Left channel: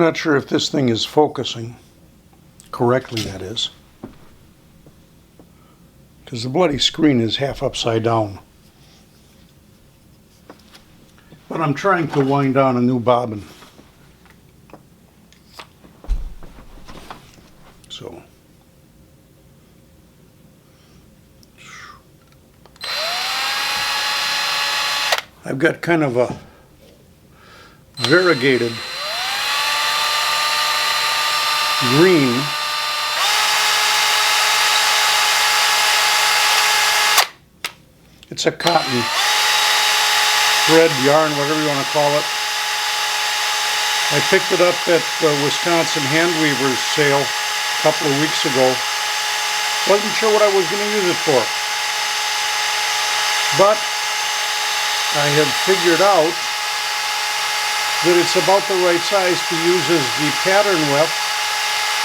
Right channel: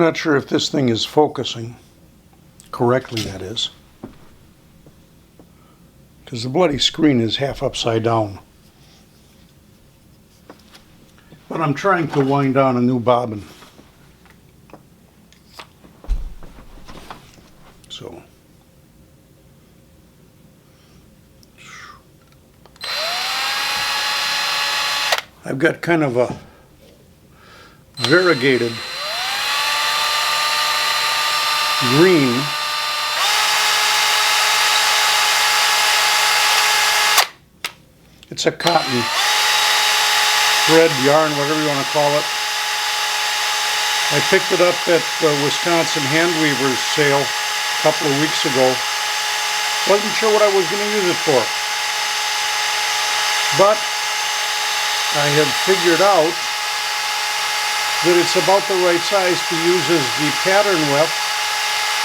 not sure if this thing is focusing correctly, that is, because the bloody screen is half upside down. But I'm trying to wind down a new bobbin. So I've got kind of a variegated green it's a cotton thread, yarn, whatever you want to call it. I picked it up at the Wisconsin Hand Weavers sale a couple of weeks ago. Wasn't sure what I was going to use it for, but I had figured out that it's about the right size to use as the pattern with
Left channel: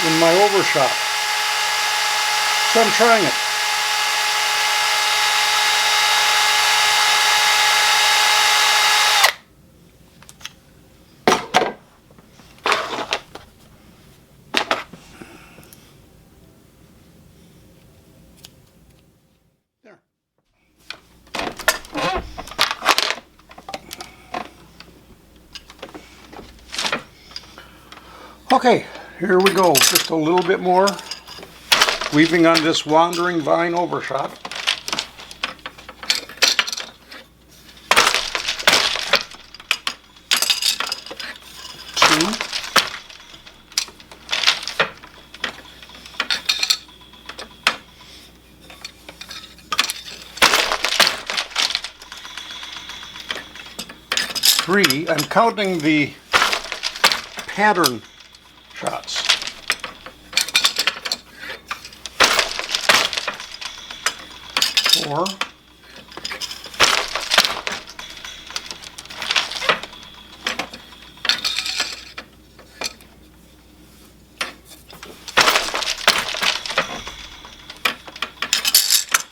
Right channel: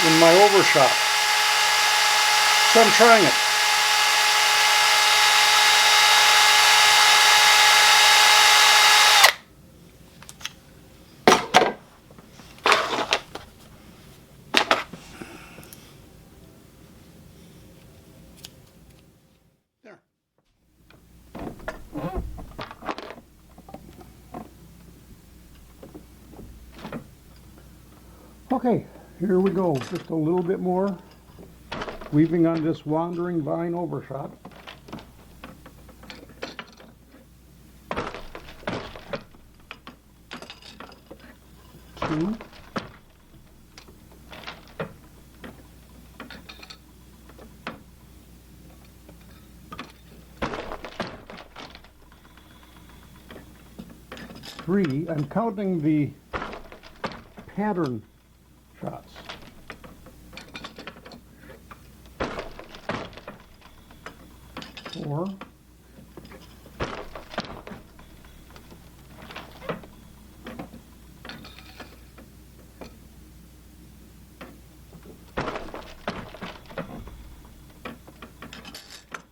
in my Overshot. So I'm trying it. There. Okay, here we go. Just a little bit more weaving on this wandering vine overshot. Two. Three. I'm counting the pattern shots. 4.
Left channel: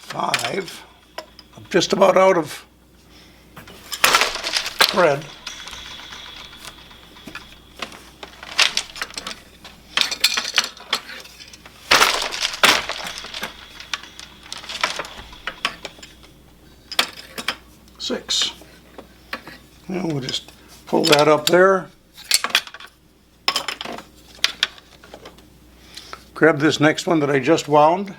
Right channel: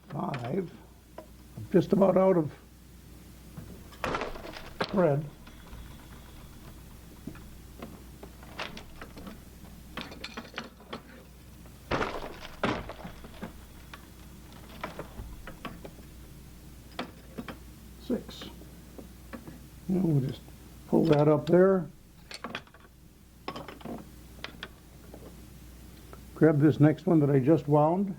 5. I'm just about out of thread. 6. And we'll just pull that up there. Grab this next one that I just wound.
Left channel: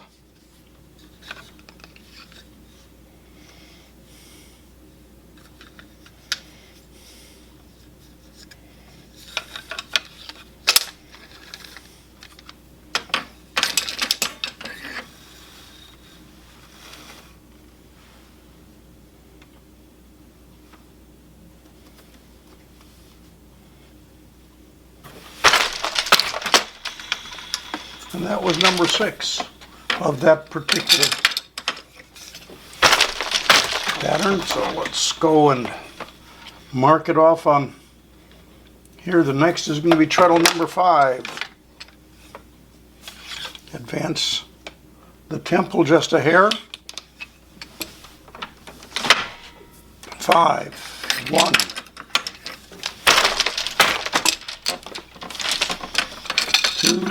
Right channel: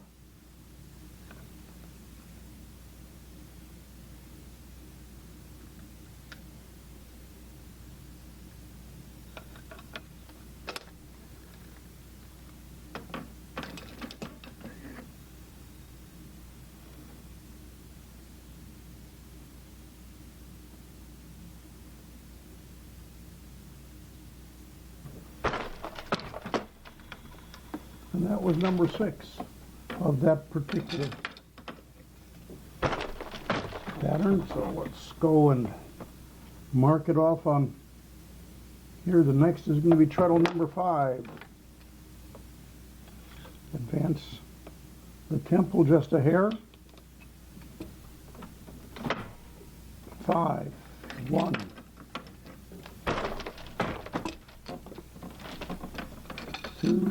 And that was number 6 of that particular pattern. So let's go and mark it off on here. The next is going to be treadle number 5. Advance the temple just a hair. 5. 1. 2.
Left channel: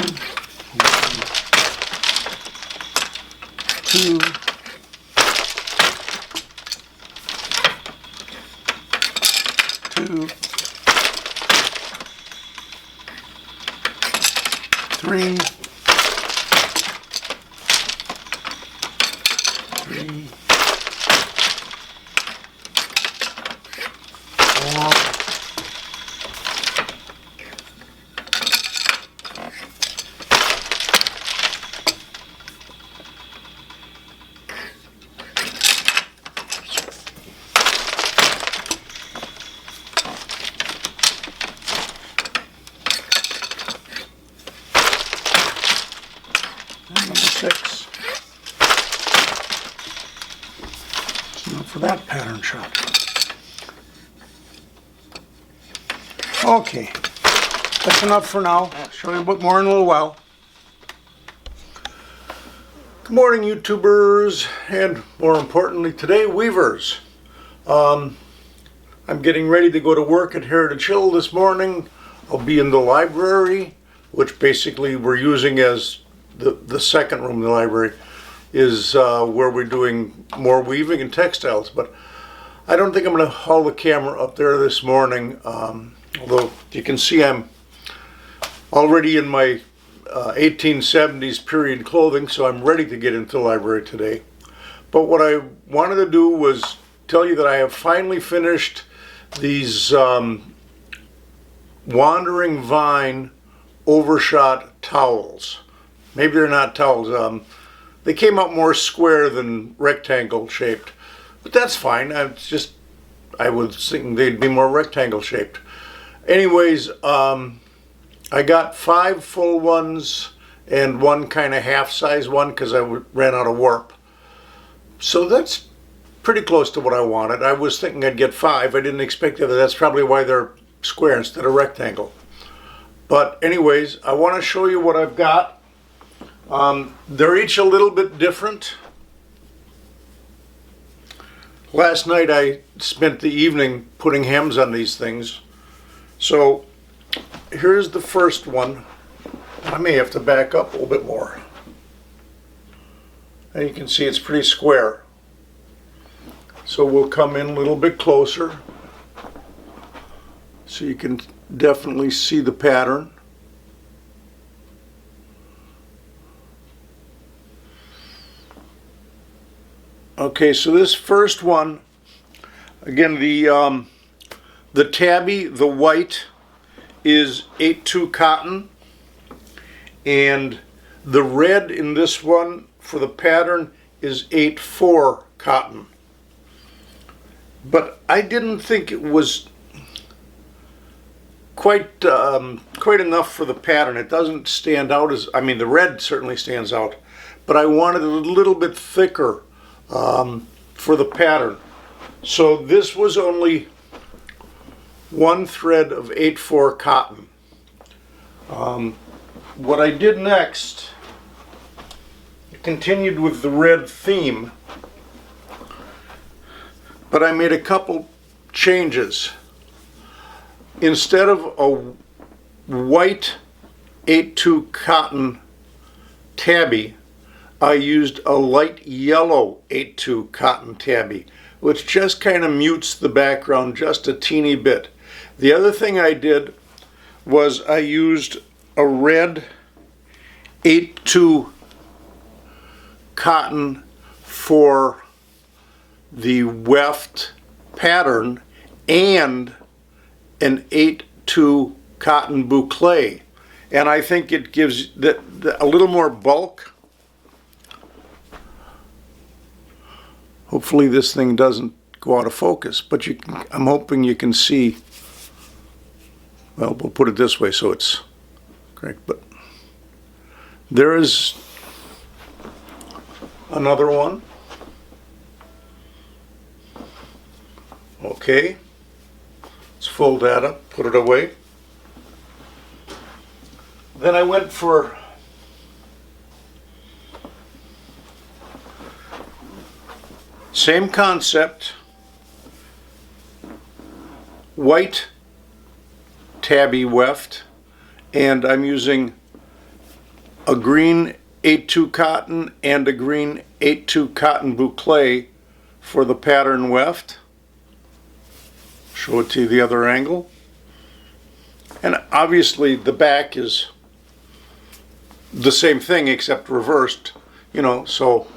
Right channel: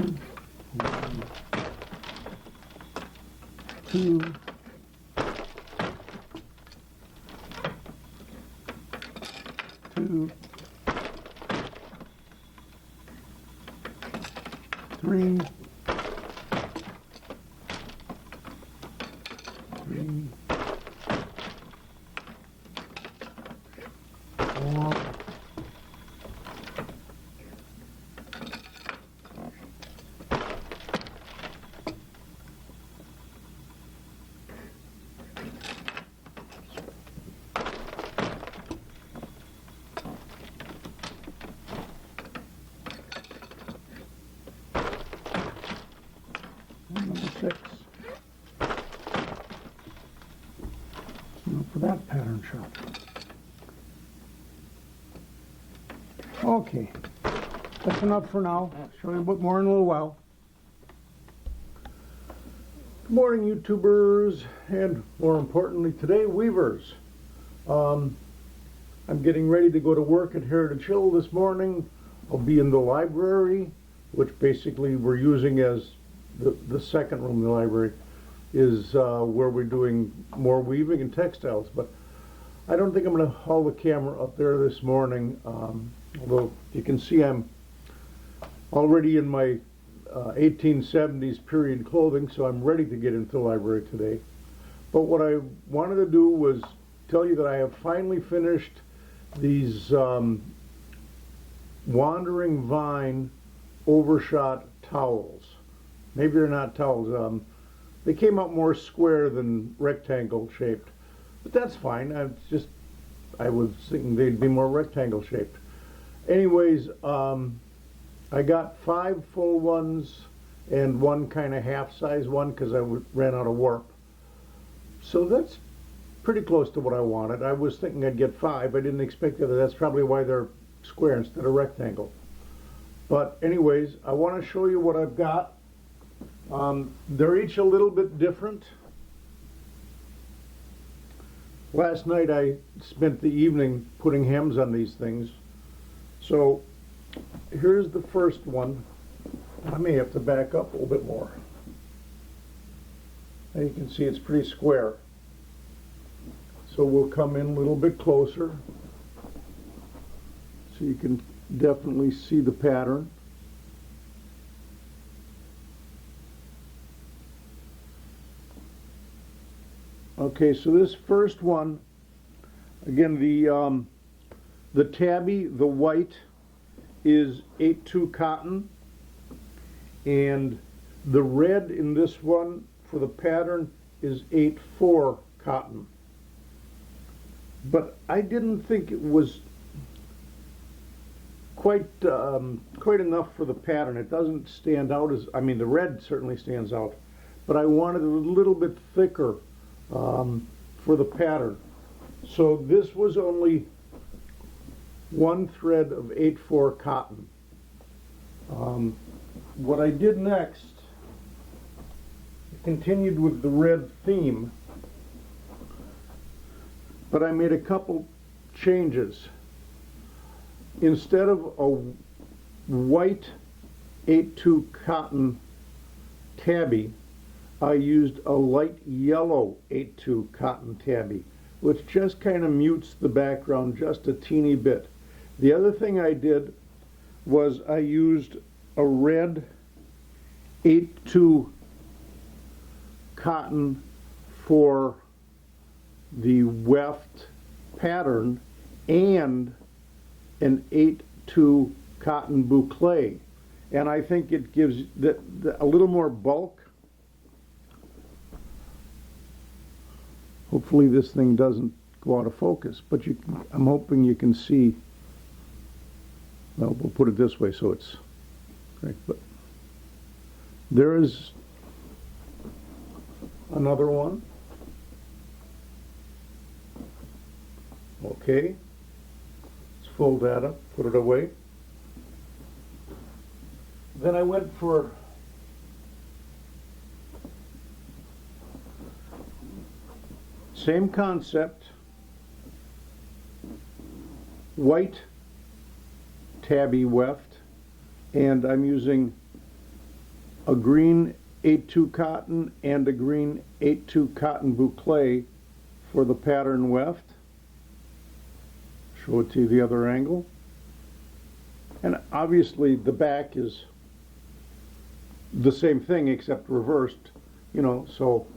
2, 2, 3, 3, 4, 6. That's enough for that pattern shot. Okay, that's enough for now. Show you a bit more in a little while. Good morning, YouTubers, and more importantly today, weavers. I'm getting ready to go to work at Heritage Hill this morning. I'll be in the library, which basically we're using as the second room in the library, is where we're doing more weaving and textiles. But I don't think I'm going to haul the camera up there this morning, although you can see I'm already in my 1870s period clothing, so I'm ready to get into the library today. But what I wanted to do was tell you that I have finally finished these Wandering Vine Overshot towels. Maybe they're not towels. They came out more square than rectangle shaped, but that's fine. I was thinking they'd be more rectangle shaped. Anyways, I got 5 full ones and 1 kind of half size one because I ran out of warp. So that's pretty close to what I wanted. I was thinking I'd get 5. I didn't expect the other. That's probably why they're square instead of rectangle. But anyways, I want to show you what I've got. They're each a little bit different. Last night I spent the evening putting hems on these things. So here's the first one. I may have to back up a little bit more. And you can see it's pretty square. So we'll come in a little bit closer so you can definitely see the pattern. Okay, so this first one, again, the tabby, the white, is 8-2 cotton, and the red in this one for the pattern is 8-4 cotton. But I didn't think it was quite enough for the pattern. It doesn't stand out as, I mean, the red certainly stands out, but I wanted it a little bit thicker for the pattern. So this was only 1 thread of 8-4 cotton. What I did next, I continued with the red theme, but I made a couple changes. Instead of a white 8-2 cotton tabby, I used a light yellow 8-2 cotton tabby, which just kind of mutes the background just a teeny bit. The other thing I did was I used a red 8-2 cotton for the weft pattern and an 8-2 cotton boucle, and I think it gives a little more bulk. Hopefully this thing doesn't go out of focus, but I'm hoping you can see. Well, we'll put it this way so it's correct, but there is another one. Okay, let's fold that up, put it away. Then I went for same concept, white tabby weft, and I'm using a green 8-2 cotton and a green 8-2 cotton boucle for the pattern weft. Show it to you the other angle. And obviously the back is the same thing except reversed, you know, so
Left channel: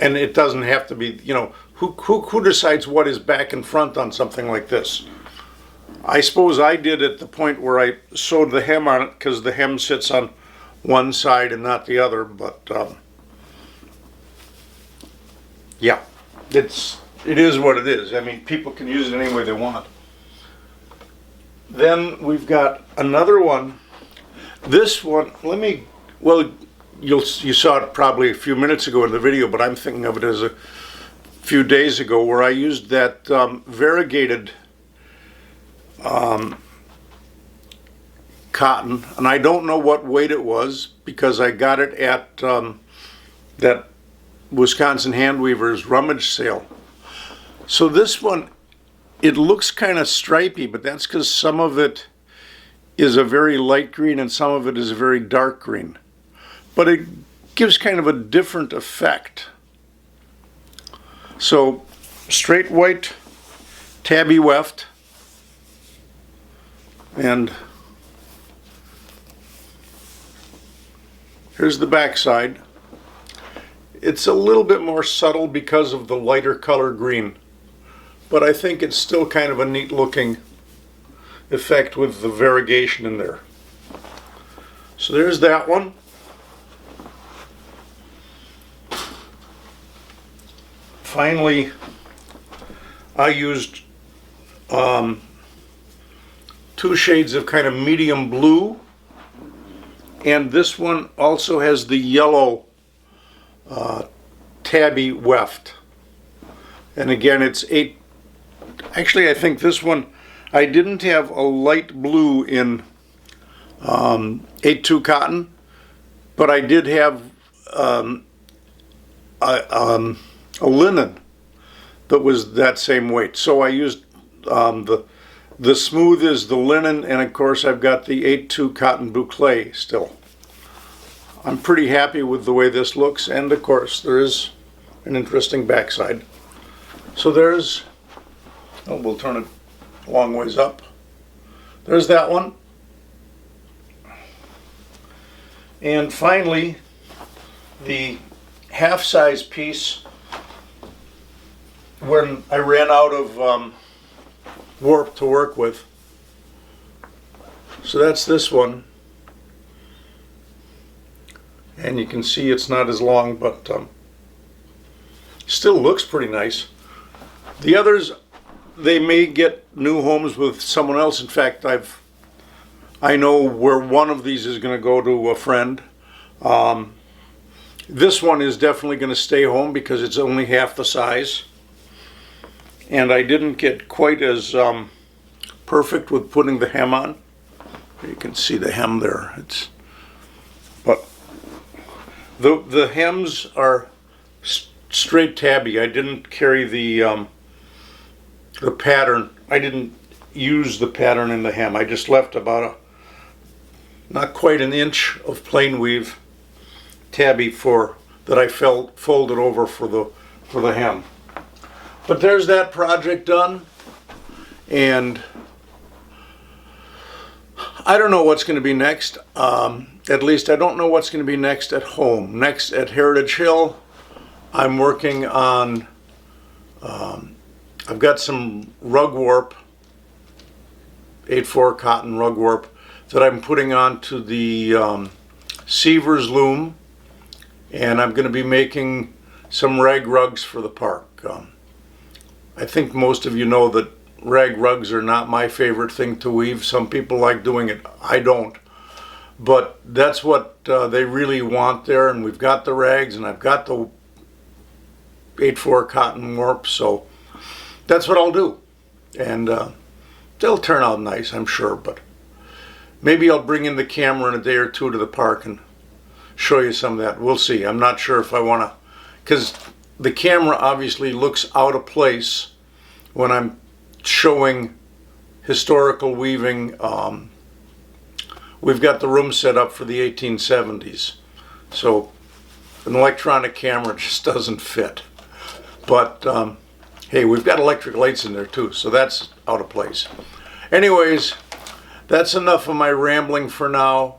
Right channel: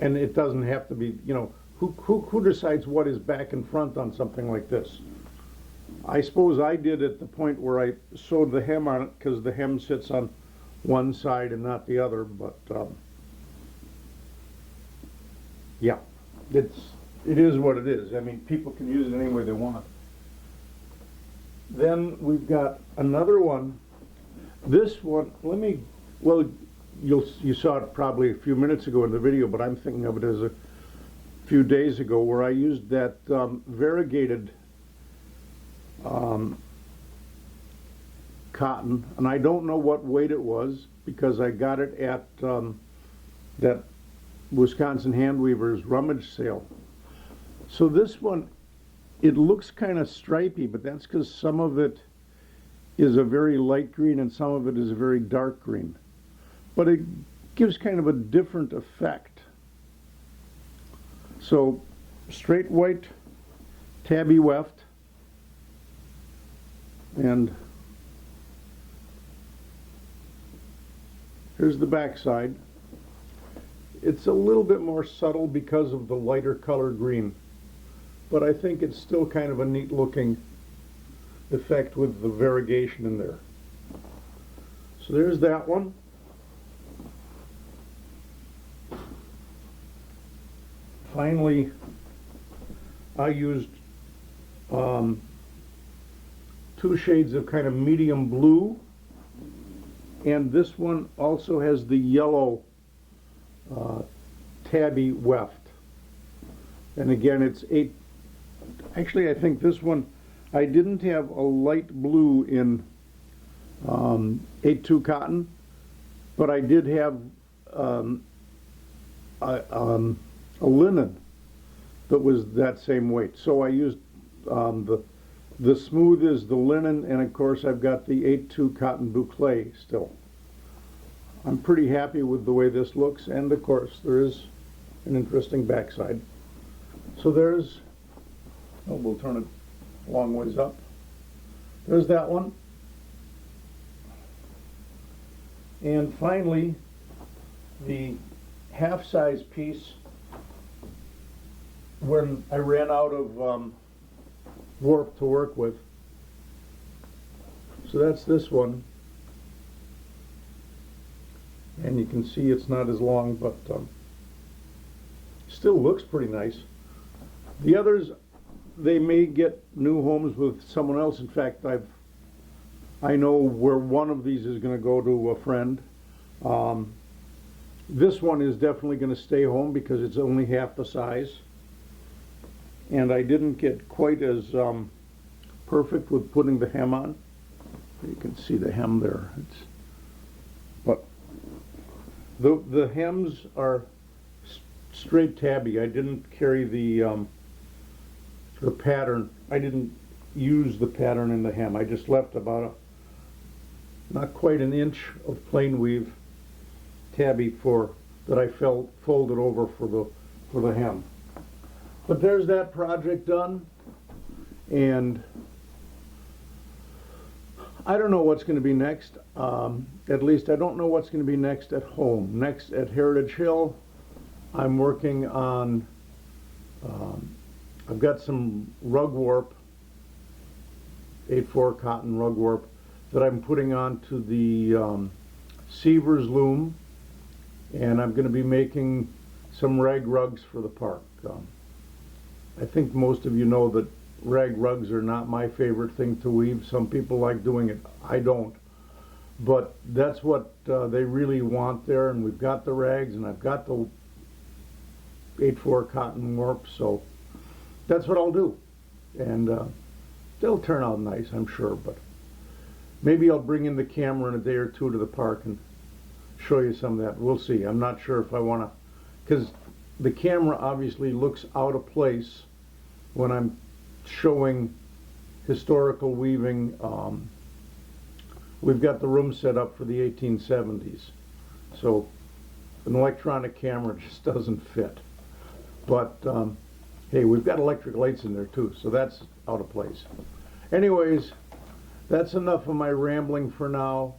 and it doesn't have to be, you know, who decides what is back and front on something like this? I suppose I did at the point where I sewed the hem on it because the hem sits on one side and not the other, but yeah, it is what it is. I mean, people can use it any way they want. Then we've got another one. This one, you saw it probably a few minutes ago in the video, but I'm thinking of it as a few days ago, where I used that variegated cotton, and I don't know what weight it was because I got it at that Wisconsin Handweavers rummage sale. So this one, it looks kind of stripy, but that's because some of it is a very light green and some of it is a very dark green. But it gives kind of a different effect. So straight white tabby weft, and here's the back side. It's a little bit more subtle because of the lighter color green, but I think it's still kind of a neat looking effect with the variegation in there. So there's that one. Finally, I used 2 shades of kind of medium blue, and this one also has the yellow tabby weft. And again, it's 8. Actually, I think this one, I didn't have a light blue in 8-2 cotton, but I did have a linen that was that same weight. So I used the smooth is the linen, and of course I've got the 8-2 cotton boucle still. I'm pretty happy with the way this looks, and of course there is an interesting backside. So there's, oh, we'll turn it a long ways up. There's that one. And finally, the half-size piece, when I ran out of warp to work with. So that's this one. And you can see it's not as long, but still looks pretty nice. The others, they may get new homes with someone else. In fact, I know where one of these is going to go to a friend. This one is definitely going to stay home because it's only half the size. And I didn't get quite as perfect with putting the hem on. You can see the hem there. But the hems are straight tabby. I didn't carry the pattern. I didn't use the pattern in the hem. I just left about not quite an inch of plain weave tabby that I folded over for the hem. But there's that project done, and I don't know what's going to be next. At least I don't know what's going to be next at home. Next at Heritage Hill, I'm working on, I've got some rug warp, 8-4 cotton rug warp that I'm putting onto the Seavers loom, and I'm going to be making some rag rugs for the park. I think most of you know that rag rugs are not my favorite thing to weave. Some people like doing it. I don't. But that's what they really want there, and we've got the rags, and I've got the 8-4 cotton warp, so that's what I'll do. And they'll turn out nice, I'm sure, but maybe I'll bring in the camera in a day or two to the park and show you some of that. We'll see. I'm not sure if I want to, because the camera obviously looks out of place when I'm showing historical weaving. We've got the room set up for the 1870s, so an electronic camera just doesn't fit. But hey, we've got electric lights in there too, so that's out of place. Anyways, that's enough of my rambling for now.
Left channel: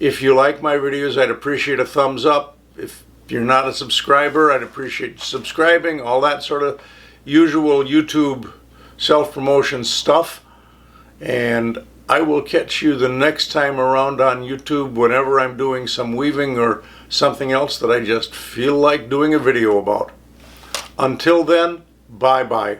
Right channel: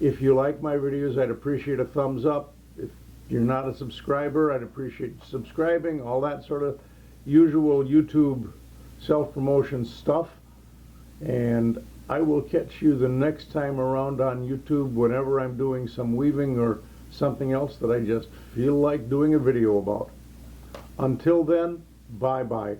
If you like my videos, I'd appreciate a thumbs up. If you're not a subscriber, I'd appreciate subscribing, all that sort of usual YouTube self-promotion stuff. And I will catch you the next time around on YouTube whenever I'm doing some weaving or something else that I just feel like doing a video about. Until then, bye-bye.